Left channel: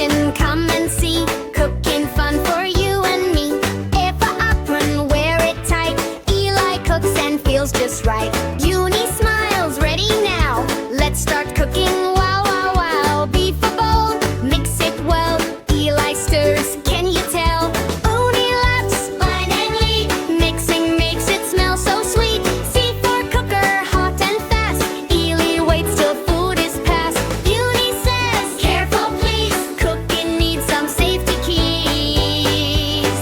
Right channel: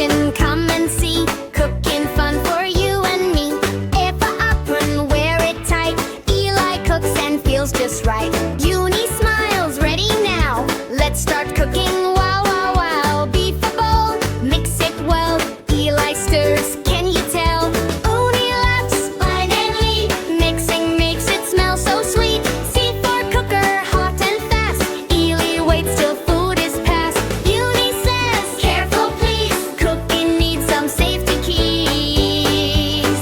kitchen, come and see. Cooking fun for you and me. If a apron, wear it tight. Eli cooks and feels just right. Uni smiles, ready now. Let's start cooking, wow, wow, wow. Beef a bowl, mix it well. Eli stirs, can you tell? Uni laughs, finally. Mixing makes it smell so sweet. C4 cooker, hot and fast. Eli waits till food is passed. Uni says, careful please. Cooking needs some safety keys.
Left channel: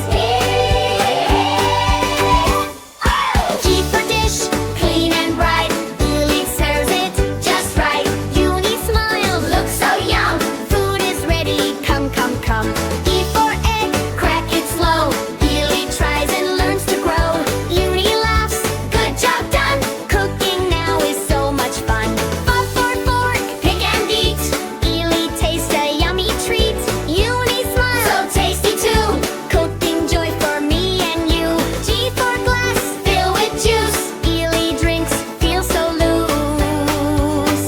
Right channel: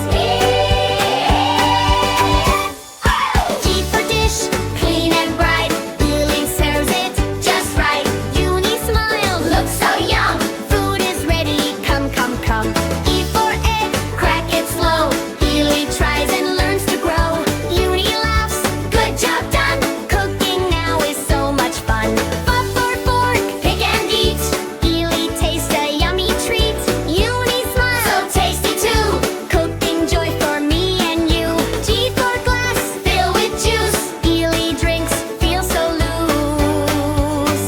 G for dish, clean and bright. Eli serves it just right. Uni smiles, looks so yum. Food is ready, come, come, come. E for egg, crack it slow. Eli tries and learns to grow. Uni laughs, good job done. Cooking now is so much fun. F for fork, pick and eat. Eli tastes a yummy treat. Uni smiles, so tasty too. Cooking joy for me and you. G for glass, fill with juice. Eli drinks, feel so loose.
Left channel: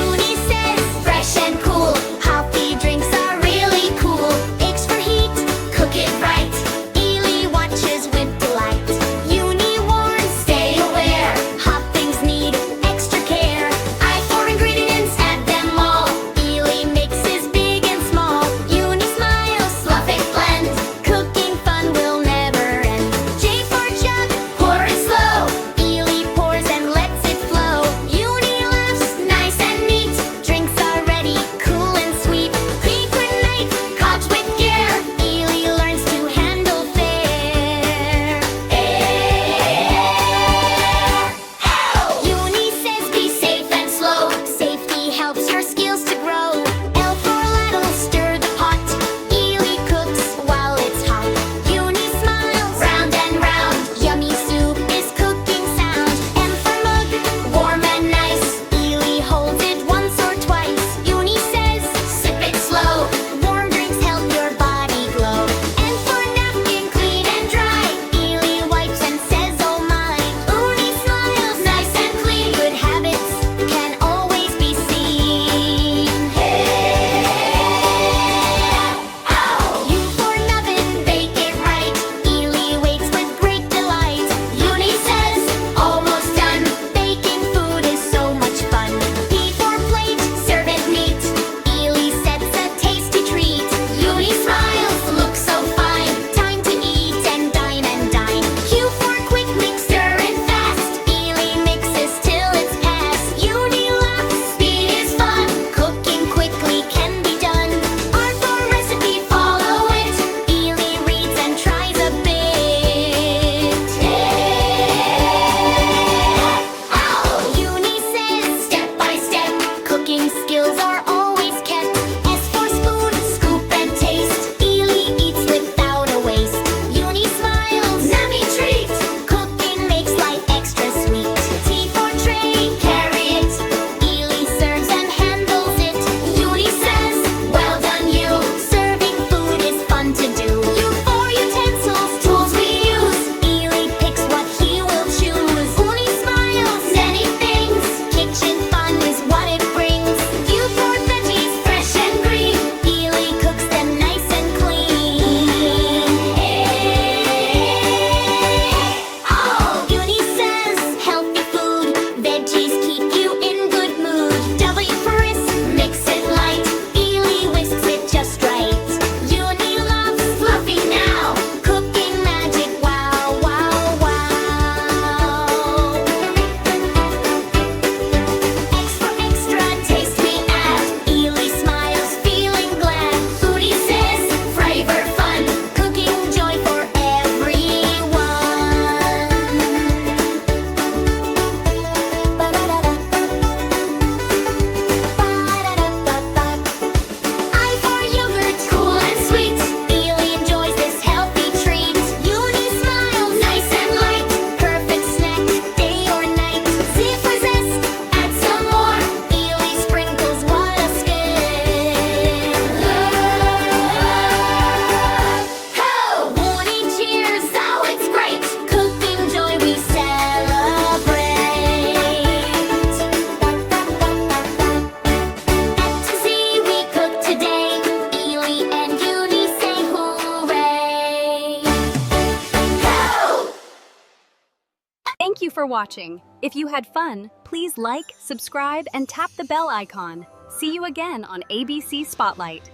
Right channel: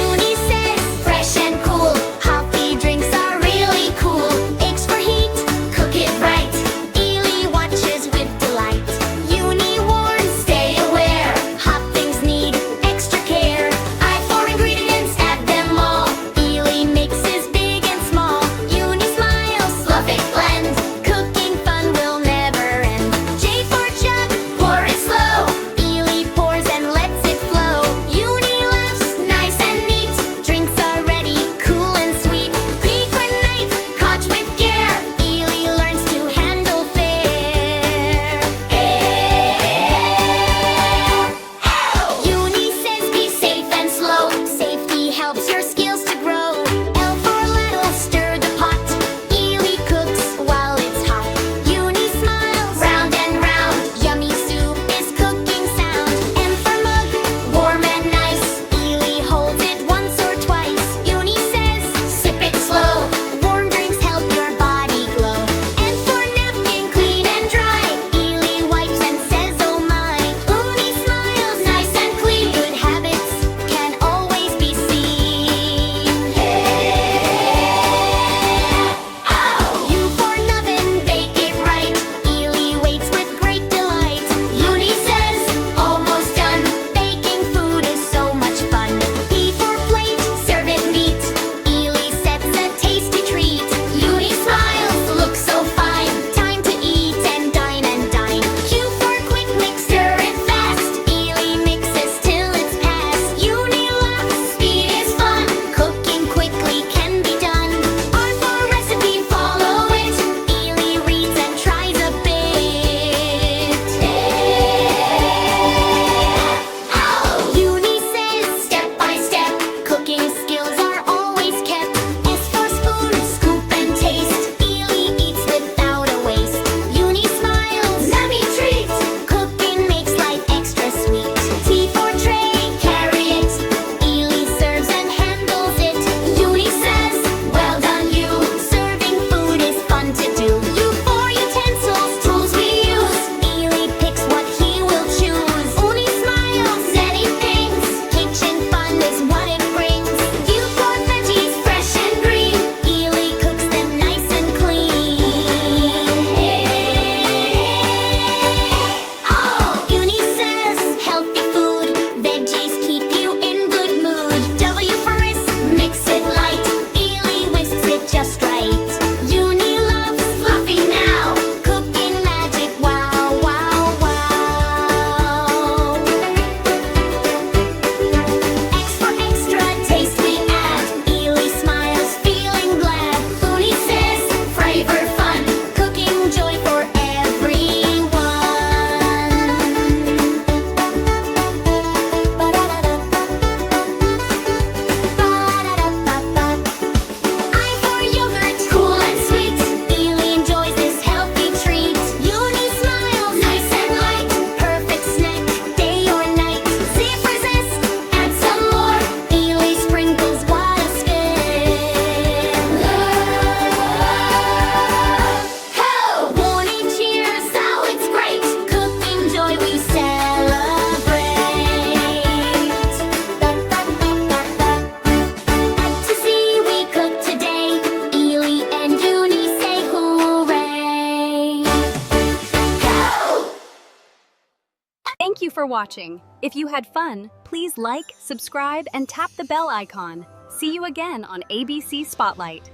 Uni says, fresh and cool. Healthy drinks are really cool. X for heat, cook it right. Eli watches with delight. Uni warns, stay aware. Hot things need extra care. I for ingredients, add them all. Eli mixes big and small. Uni smiles, fluff it blend. Cooking fun will never end. J for jug, pour it slow. Eli pours and lets it flow. Uni laughs, nice and neat. Drinks are ready, cool and sweet. P for knife, caught with care. Eli learns to handle fair. Uni says be safe and slow. Safety helps your skills to grow. L for ladle, stir the pot. Eli cooks while it's hot. Uni smiles, round and round. Yummy soup is cooking sound. M for mug, warm and nice. Eli holds it once or twice. Uni says, sip it slow. Warm drinks help your body glow. N for napkin, clean and dry. Eli wipes and says, oh my. Uni smiles, nice and clean. Good habits can always be seen. U for nubbin, bake it right. Eli waits with great delight. Uni says, almost done. Baking food is so much fun. P for plate, serve it neat. Eli sets a tasty treat. Uni smiles, look so fine. Time to eat and dine and dine. Q for quick mix, stir it fast. Eli mixes till it's past. Uni laughs, speed is fun. Cooking quickly can be done. R for recipe, follow it. Eli reads and tries a bit. Uni says, step by step. Cooking skills are always kept. S for spoon, scoop and taste. Eli eats without a waste. Uni smiles, yummy treat. Cooking makes life extra sweet. T for tray, carry it. Eli serves and handles it. Uni says, well done you. Serving food is fun to do. U for utensils, tools we use. Eli picks what he will choose. Uni smiles, many things. Kitchen fun is what it brings. U for veggies, fresh and green. Eli cooks them nice and clean. Uni says, healthy food. Veggies keep you in good mood. W for whisk, mix it light. Eli whisks it just right. Uni loves fluffy now. Cooking magic, wow, wow, wow. X for extra, taste we add. Eli smiles, feeling glad. Uni says, flavor fun. Cooking joy for everyone. Ba-da-da-da. Thank you for watching. If you had fun, please like, subscribe, and tap the bell icon. See you again on ABC Spotlight.